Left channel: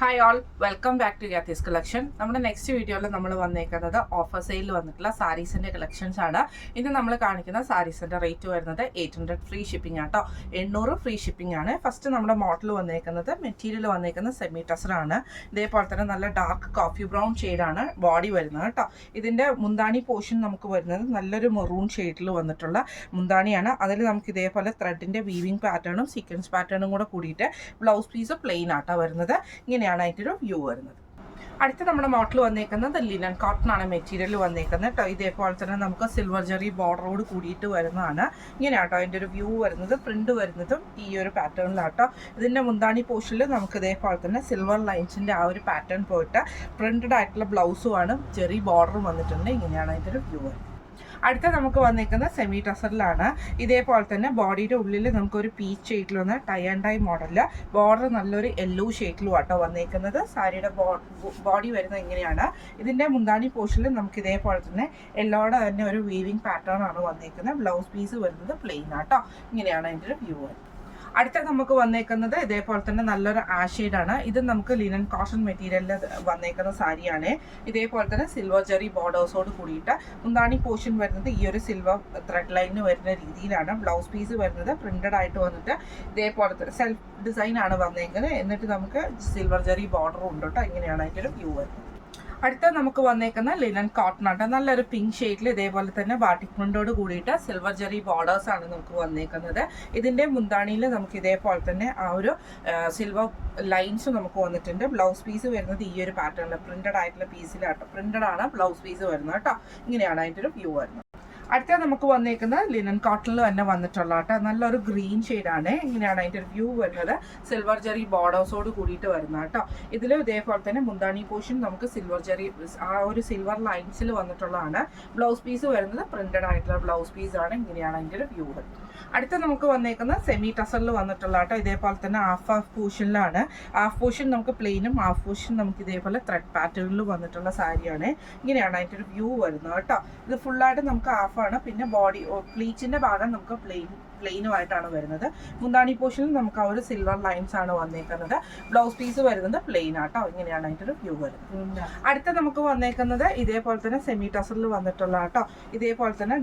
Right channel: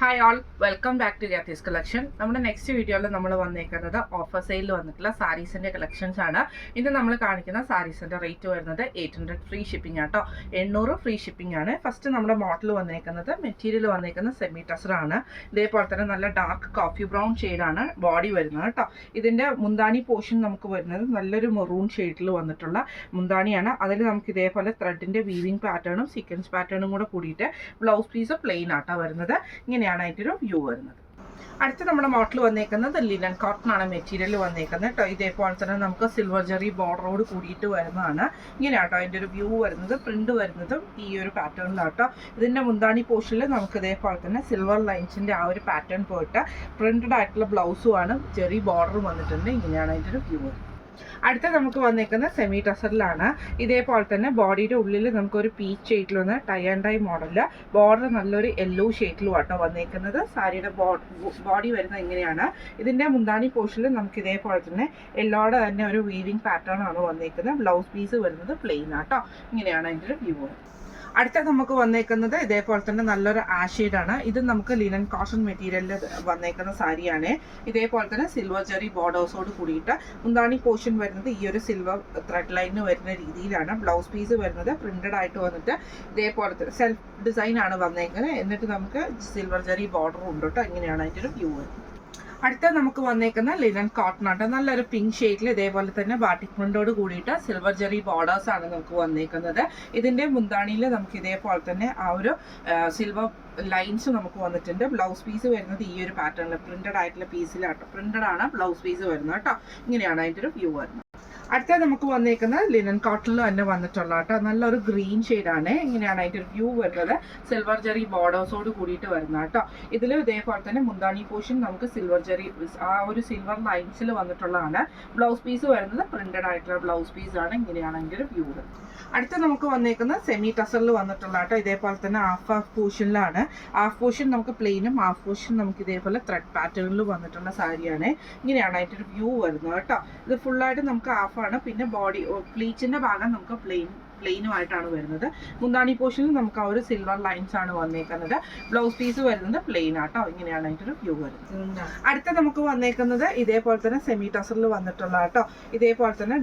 Hi all, welcome back to ഗ്യാത്തീസ് collection. നമ്മുടെ next വീഡിയോയിൽ നമ്മൾ വന്നേക്കുന്നത് ഓഫർ സെയിലിൽ വന്നിട്ടുള്ള സാരീസിൻ്റെ കളക്ഷൻസ് ആണ്. ഇത് നമ്മൾ കാണിക്കുന്ന സാരീസിൻ്റെ റേറ്റ് വരുന്നത് 800 ഫ്രീ ഷിപ്പിംഗ് ആട്ടോ. 800 ഫ്രീ ഷിപ്പിംഗ് ആണ്. ഫസ്റ്റ് നമ്മുടെ മോഡൽ വന്നേക്കുന്നത് മെറ്റീരിയൽ വന്നേക്കുന്നത് സെമി ടസറാണ്. ഇതേപോലെ തന്നെ നല്ല ഡാർക്ക് കോഫി ബ്രൗൺ ഷെയ്ഡാണ് ബോഡി വരുന്നത് കേട്ടോ. ഇതിൻ്റെ മുന്താണി പോർഷൻ നമുക്ക് വരുന്നത് നല്ലൊരു മെറൂൺ ഷെയ്ഡിൽ വന്നിട്ടുള്ള മുന്താണിയാണ്. അതിൽ നമുക്ക് ഇതേപോലെ ത്രെഡിൻ്റെ വീവിങ് പാറ്റേണും സീക്വൻസ് പാറ്റേണും കൂടെ കൂടിയിട്ട് ബ്ലൗസ് പീസ് പ്ലെയിൻ ആട്ടോ വരുന്നത്. ഇങ്ങനെയാണ് അതിൻ്റെ വ്യൂ വരുന്നത്. അടുത്ത നമ്മുടെ മോഡൽ വന്നേക്കുന്നത് ലിനൻ കോട്ടൺ ആണ് മെറ്റീരിയൽ വന്നേക്കുന്നത് കേട്ടോ. ഇതേപോലെ തന്നെ നമുക്ക് സിൽവർ ജെറി ബോർഡറോട് കൂടിയിട്ട് വരുന്നതാണ്. ഇങ്ങനെയാട്ടോ അതിൻ്റെ ഒരു വ്യൂ വരുന്നത്. പ്രിന്റ് വരുന്നതും ഈ ഒരു പാറ്റേണിലാട്ടോ. ഇതിൻ്റെ മുന്താണി പോർഷനിൽ നമുക്ക് ഇതേപോലെ തന്നെ സിൽവർ ലൈൻസിൻ്റെ ആ ഒരു പാറ്റേൺ പോയിട്ട് പ്രിന്റഡ് ആയിട്ടുള്ള ബ്ലൗസുമാണ്, ജെറി ബോർഡറും വന്നിട്ടുണ്ട്. ഇങ്ങനെയാണ് അതിൻ്റെ ഒരു വ്യൂ വരുന്നത്. അടുത്ത നമുക്ക് വന്നേക്കുന്നത് സെമി ടസറിലാണ്. ഇതേപോലെ തന്നെ ബോഡിയുടെ ഉള്ളിൽ നമുക്കൊരു പീച്ച് ഷെയ്ഡിൽ വന്ന tie and dye model, border നല്ലൊരു യെല്ലോ ഷെയ്ഡിലും ആട്ടോ വന്നേക്കുന്നത്. സാരിയുടെ ബോഡി വരുന്നത് ഇങ്ങനെയാണ്. ഇതിൻ്റെ മുന്താണി പോർഷനിൽ നമുക്ക് ഇതേപോലെ തന്നെ യെല്ലോയുടെ തന്നെ ഒരു വീവിങ് പാറ്റേൺ ആണ് വന്നേക്കുന്നത്. ബ്ലൗസ് പീസ് വരുന്നത് പ്ലെയിൻ ആട്ടോ. ഇങ്ങനെയാണ് അതിൻ്റെ ഒരു വ്യൂ. അടുത്ത നമുക്ക് വന്നേക്കുന്നത് ഇതേപോലെ തന്നെ നല്ലൊരു ആഷെയ്ഡാണ്. ഇത് നമുക്ക് ലിനൻ കോട്ടൺ മെറ്റീരിയലിൽ വന്നേക്കുന്ന സാരിയാണ്. ഇതേപോലെ തന്നെ സിൽവർ ജെറി ബോർഡേഴ്സോട് കൂടിയിട്ട് മുന്താണി പോർഷൻ വരുന്നത് ഈ ഒരു സിൽവർ ത്രെഡ് ലൈന് വരുന്ന രീതിയിലാണ്. ബ്ലൗസ് പീസ് വരുന്നത് പ്രിന്റഡ് ആയിട്ട് വന്നിട്ട് ഇതേപോലത്തെ സെൽഫ് ഡിസൈൻ ആണ് വന്നേക്കുന്നത്. എന്നിട്ട് നമുക്ക് സിൽവർ ജെറി ബോർഡർ ഉണ്ട് കേട്ടോ. ഇങ്ങനെയാണ് അതിൻ്റെ ഒരു വ്യൂ വരുന്നത്. അടുത്ത നമുക്ക് വന്നേക്കുന്ന ലിനൻ കോട്ടൺ ആട്ടോ. നല്ലൊരു പിങ്ക് ഷെയ്ഡിൽ ഇതേപോലെ തന്നെ ബാട്ടിക് പ്രിന്റോട് കൂടിയിട്ട് സിൽവർ ജെറി ബോർഡേഴ്സ് ആണ് നമുക്ക് വന്നേക്കുന്നത്. ഇതിന്റെ മുന്താണിയിൽ നമുക്ക് ഇതേപോലെ തന്നെ ആ ഒരു സിൽവർ ലൈൻസ് നമുക്ക് വന്നിട്ടുണ്ട്. ബ്ലൗസ് പീസ് വരുന്നത് ഈ ഒരു പാറ്റേണിൽ പ്രിന്റഡ് ആയിട്ടുള്ള പീസിലാട്ടോ. പ്രിന്റഡ് ആണ് ബ്ലൗസ് പീസ് വരുന്നത് കേട്ടോ. ഇങ്ങനെയാണ് അതിൻ്റെ ഒരു വ്യൂ വരുന്നത്. അടുത്ത നമുക്ക് വന്നേക്കുന്നത് ലിനൻ കോട്ടണിൽ തന്നെ വന്നിട്ടുള്ള കേട്ടോ. നല്ലൊരു ഗ്രീൻ ഷെയ്ഡാണ്. ഇങ്ങനെയാണ് അതിൻ്റെ ഒരു വ്യൂ വരുന്നത്. സിൽവർ ജെറി ബോർഡേഴ്സോട് കൂടിയിട്ട് വരുന്ന കേട്ടോ. ഇതിൽ ഇതേപോലെ തന്നെ മുന്താണി പോർഷൻ നമുക്ക് സിൽവർ ജെറി ആ ഒരു സിൽവർ ലൈൻസിൽ വന്നിട്ടുള്ളതാണ്. ബ്ലൗസ് പീസ് വരുന്നത് പ്രിന്റഡ് ആയിട്ടുള്ള ബ്ലൗസ് പീസാണ്. ഇങ്ങനെയാണ് അതിൻ്റെ ഒരു വ്യൂ വരുന്നത്. അടുത്ത നമുക്ക് വന്നേക്കുന്നത് സെമി ടസറിൽ വന്നിട്ടുള്ള കേട്ടോ. ഇതേപോലെ തന്നെ ഹാഫ് പോർഷനിലാണ്. ഹാഫ് പോർഷൻ നമുക്ക് പ്ലെയിനും ഹാഫ് പോർഷൻ നമുക്ക് ഇതേപോലെ ത്രെഡ് പാറ്റേണിൽ വന്നിട്ടുള്ള സാരിയാണ്. ഇങ്ങനെയാണ് അതിൻ്റെ ഒരു വ്യൂ വരുന്നത് കേട്ടോ. ഇത് ഫുള്ളായിട്ട് നമുക്ക് ഹാഫാണ്. പിന്നെ ബോഡി പ്ലീച്ചിൻ്റെ ഭാഗം നമുക്ക് പ്ലെയിനുമായിട്ടാണ് വരുന്നത്. മുന്താണി പോർഷനിൽ നമുക്ക് ആ ഒരു സിൽവർ ലൈൻസ് ആണ് വന്നേക്കുന്നത്. ബ്ലൗസ് പീസ് വരുന്നത് പ്ലെയിൻ ആട്ടോ. ഇങ്ങനെയാണ് അതിൻ്റെ ഒരു വ്യൂ വരുന്നത്. അടുത്ത നമുക്ക് വന്നേക്കുന്നത് ഇതേപോലെ തന്നെ സെമി ടസറിൽ വന്നിട്ടുള്ള കേട്ടോ. ഇതേപോലെ തന്നെ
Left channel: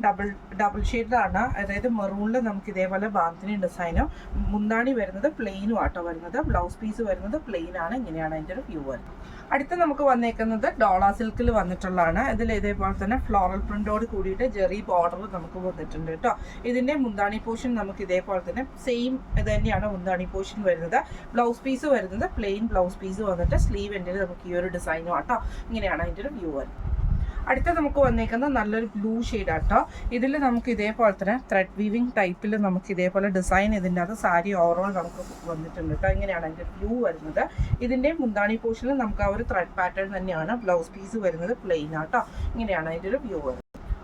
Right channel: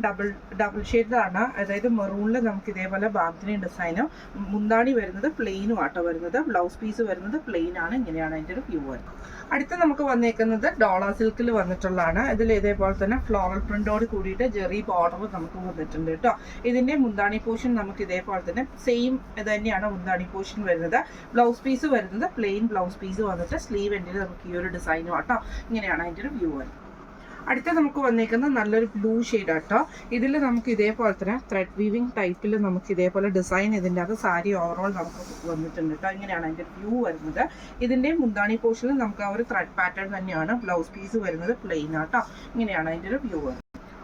ഡബിൾ ഷെയ്ഡിലാണ്. അതായത് മെറൂണിൽ നമുക്ക് ഇതേപോലെ ബാന്തിനി ഡിസൈനും മുന്താണി വരുന്നത് പ്ലെയിനും ആട്ടോ വരുന്നത്. ബ്ലൗസ് പീസ് വരുന്നത് പ്ലെയിൻ ആണ്. ഇങ്ങനെയാണ് അതിൻ്റെ ഒരു വ്യൂ വരുന്നത്. അടുത്ത് നമുക്ക് വന്നേക്കുന്നത് ഡോള സിൽക്കിൽ വന്നിട്ടുള്ളതാണ്. ഇതിൽ ഇതേപോലെ തന്നെ ഫ്ലോറൽ പ്രിന്റോട് കൂടിയിട്ട് ജെറി ബോർഡർ നമുക്ക് വന്നിട്ടുണ്ട് കേട്ടോ. ഇതിന്റെ മുന്താണി പോർഷൻ നമുക്ക് ഇതേപോലെ തന്നെ സെയിം ഇത് തന്നെയാണ് മുന്താണി പോർഷൻ വരുന്നത്. ബ്ലൗസ് പീസ് വരുന്നത് പ്ലെയിൻ ബ്ലൗസ് പീസ് വന്നിട്ട് സ്ലീവ് എൻഡിൽ നമുക്ക് ഈ ഒരു ഡിസൈനും ആട്ടോ. ഇങ്ങനെയാണ് അതിൻ്റെ ഒരു വ്യൂ വരുന്നത്. അടുത്ത നമുക്ക് വന്നേക്കുന്നത് നല്ലൊരു ബ്ലൂ ഷെയ്ഡ് ആട്ടോ. ഇതിൽ നമുക്ക് ഇതേപോലെ തന്നെ ത്രെഡ് വീവിങ് ടൈപ്പിൽ നമുക്ക് ഇതേപോലെ ഡിസൈൻ ഇതിൻ്റെ അത് സാരി ഓവറോൾ നമുക്ക് വന്നിട്ടുണ്ട് കേട്ടോ. ഇങ്ങനെയാണ് അതിൻ്റെ വ്യൂ വരുന്നത്. ഇതിൻ്റെ മുന്താണി പോർഷനിൽ നമുക്ക് ആ ഒരു ത്രെഡ് പാറ്റേൺ തന്നെയാണ്. ബ്ലൗസ് പീസ് വരുന്നത് പ്ലെയിൻ ആട്ടോ. ഇങ്ങനെയാണ് അതിൻ്റെ ഒരു വ്യൂ വരുന്നത്.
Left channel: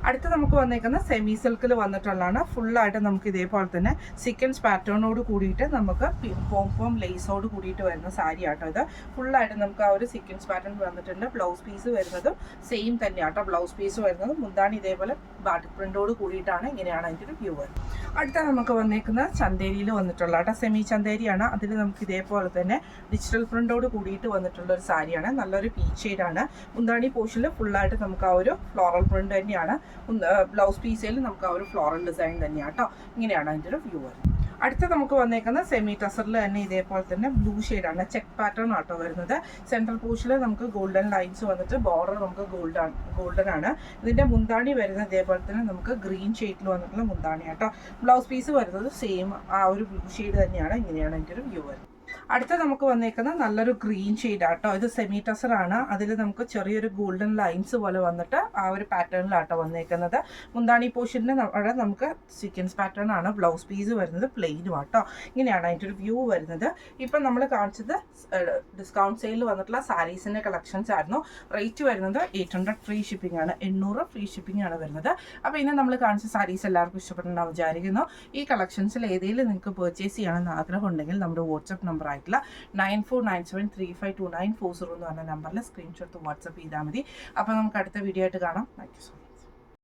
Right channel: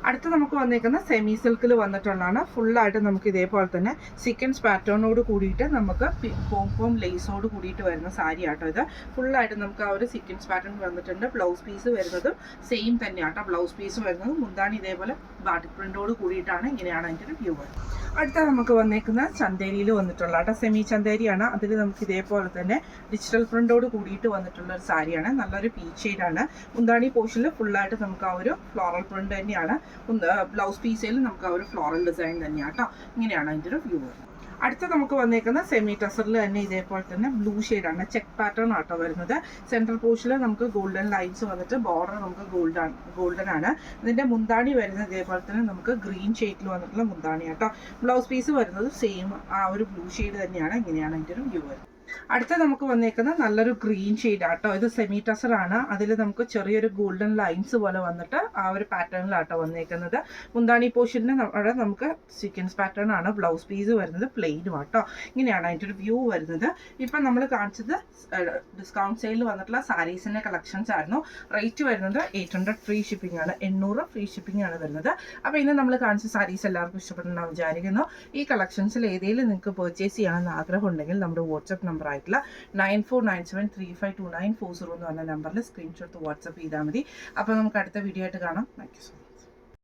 അടുത്ത് നമുക്ക് വന്നേക്കുന്ന സെമി സിൽക്കിൽ വന്നിട്ടുള്ളതാണ്. ഫുള്ളായിട്ട് നമുക്ക് ഇതേപോലെ തന്നെ സീക്വൻസ് പാറ്റേണോട് കൂടിയിട്ട് നമുക്ക് പോം ലേസോട് കൂടിയിട്ട് വരുന്ന സാരി ആട്ടോ. ഇത് ഫുള്ളായിട്ട് നമുക്ക് ആ ഒരു സീക്വൻസ് പാറ്റേൺ വന്നിട്ടുണ്ട്. ബ്ലൗസ് പീസ് വരുന്നതും സെയിം തന്നെയാട്ടോ. ബ്ലൗസ് പീസ് വരുന്നതും മുന്താണി ഇതേപോലെ ബാട്ടിക് പ്രിന്റോട് കൂടിയിട്ടാണ്. ഇങ്ങനെയാണ് അതിൻ്റെ ഒരു വ്യൂ വരുന്നത്. അടുത്ത നമുക്ക് വന്നേക്കുന്ന ചന്തേരിയിൽ വന്നിട്ടുള്ള കേട്ടോ. സെമി ചന്തേരിയാണ്. അതിൽ നമുക്ക് ഇതേപോലെ തന്നെ ഡിജിറ്റൽ പ്രിന്റോട് കൂടിയിട്ട് വന്നിട്ടുള്ള ഒരു സാരിയാണ്. നല്ലൊരു പീച്ച് ഷെയ്ഡാണ്. മുന്താണി പോർഷനിൽ ഫുള്ളായിട്ട് നമുക്ക് ആ ഒരു ഫ്ലോറൽ പ്രിന്റ് തന്നെയാണ്. ബ്ലൗസ് പീസിൽ നമുക്ക് ആ ഒരു ഫ്ലോറൽ ഡിസൈൻ തന്നെയാണ് കേട്ടോ. ഇങ്ങനെയാണ് അതിൻ്റെ ഒരു വ്യൂ വരുന്നത്. അടുത്ത നമുക്ക് വന്നേക്കുന്ന സെമി ടസറിൽ തന്നെ ഇതേപോലെ തന്നെ ബ്ലൂ ഷെയ്ഡാണ്. ചെക്ക് പാറ്റേൺ ആട്ടോ വരുന്നത്. സെൻട്രൽ പോർഷനിൽ നമുക്ക് ഗോൾഡൻ ലൈൻസ് വന്നിട്ട് ബോർഡർ നമുക്ക് ഗോൾഡൻ ആണ്. ഇതിൻ്റെ മുന്താണി വരുന്നത് ഇതേപോലെ തന്നെ നമുക്ക് ഗ്രീൻ ഷെയ്ഡിൽ വന്നിട്ടുള്ള മുന്താണി ആട്ടോ. ബ്ലൗസ് പീസ് വരുന്നത് സെയിം ആ ഒരു ബ്ലൂ ഷെയ്ഡ് തന്നെയാണ്. ഇങ്ങനെയാണ് അതിൻ്റെ ഒരു വ്യൂ വരുന്നത്. അടുത്ത നമുക്ക് വന്നേക്കുന്ന നല്ലൊരു ഗ്രീൻ ഷെയ്ഡ് ആട്ടോ. ഇത് സെമി ടസർ ആണ്. അതിൽ നമുക്ക് ചെറിയൊരു ഗോൾഡൻ ലൈൻസ് പോലെ വന്നിട്ട് ആ ഒരു പാറ്റേണിലാട്ടോ വന്നേക്കുന്നത്. മുന്താണി പോർഷനിൽ അവിടെ നമുക്ക് സീക്വൻസ് പാറ്റേൺ ആണ്. ബ്ലൗസ് പീസ് വരുന്നത് പ്ലെയിനും ആട്ടോ. ഇങ്ങനെയാണ് അതിൻ്റെ ഒരു വ്യൂ വരുന്നത്. ഇപ്പം നമ്മൾ കാണിച്ചത് ഡിസ്കൗണ്ട് സെയിലിൽ വന്നിട്ടുള്ള സാരീസിൻ്റെ കളക്ഷൻസ് ആയിരുന്നു. റേറ്റ് വരുന്നത് 800 ഫ്രീ ഷിപ്പിംഗ് ആണ്. 800 ഫ്രീ ഷിപ്പിംഗ് ആണ് വരുന്നത്. അപ്പോൾ ഇന്ന് നമ്മൾ കാണിച്ച സാരീസ് എല്ലാവർക്കും ഇഷ്ടപ്പെട്ടുണ്ടാവും വിചാരിക്കുന്നു. ഈ കളക്ഷൻസിൽ ഏതെങ്കിലും നിങ്ങൾക്ക് പർച്ചേസ് ചെയ്യണമെന്ന് ആഗ്രഹം ഉണ്ടെങ്കിൽ നമ്മുടെ വാട്സപ്പ് നമ്പർ ആയിട്ടുള്ള 9497352940 എന്ന് പറഞ്ഞ നമ്പറിൽ സ്ക്രീൻഷോട്ട് വാട്സപ്പ് ചെയ്താൽ മതി. അപ്പോൾ നമുക്ക് അടുത്ത വീഡിയോ ആയിട്ട് കാണാം. Thank you so much.